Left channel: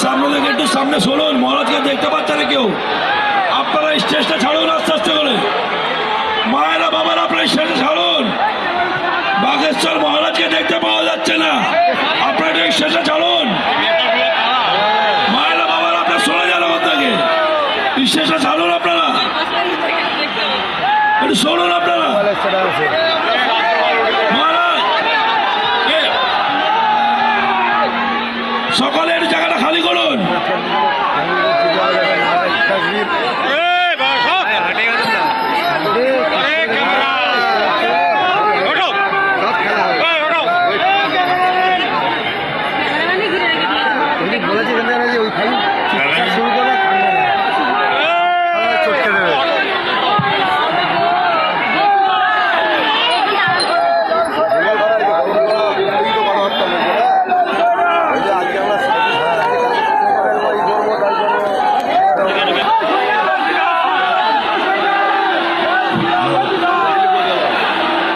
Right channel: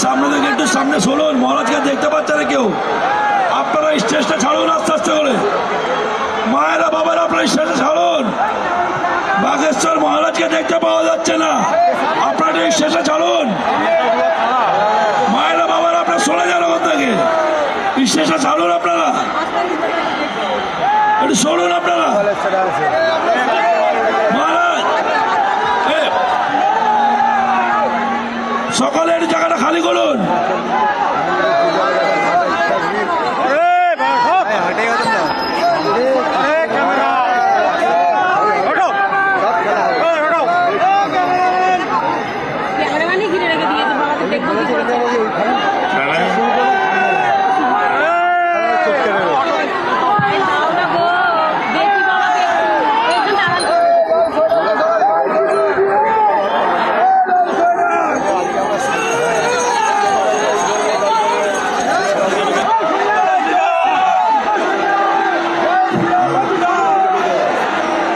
সামনে থেকে একটু সামনে শুনুন, মহারাজকে দেখতে পাচ্ছে না কেউ। আপনারা স্টেজটা ছাড়ুন আস্তে আস্তে করে। মায়েরা বাবারা আপনারা স্টেজটা ছাড়ুন। বাগেশ্বর মহারাজকে দেখতে পাওয়া যাচ্ছে না, আপনারা স্টেজটা ছাড়ুন। মায়েরা বাবারা আপনারা সরে যান ওখান থেকে, স্টেজটা ছাড়ুন। আপনারা একটু সরুন। আপনারা মহারাজ সকালে একটু জায়গাটা খালি করুন।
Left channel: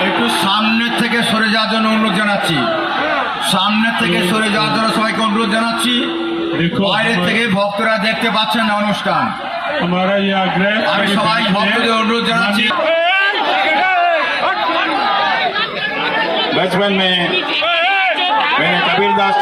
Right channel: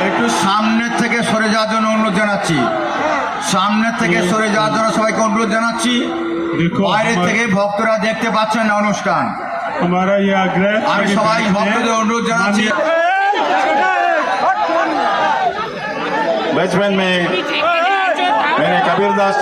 একটু সামনের থেকে সরে যাওয়ার জন্য অনুরোধ জানাচ্ছি। সামনের থেকে সরে যাওয়ার জন্য সবাইকে অনুরোধ জানাচ্ছি। বাইরে থেকে ভক্তরা দেখতে পাচ্ছেন না অনুষ্ঠান। আমি সবাই ভক্তদের অনুরোধ জানাচ্ছি। बचपन में मैंने कबीरदास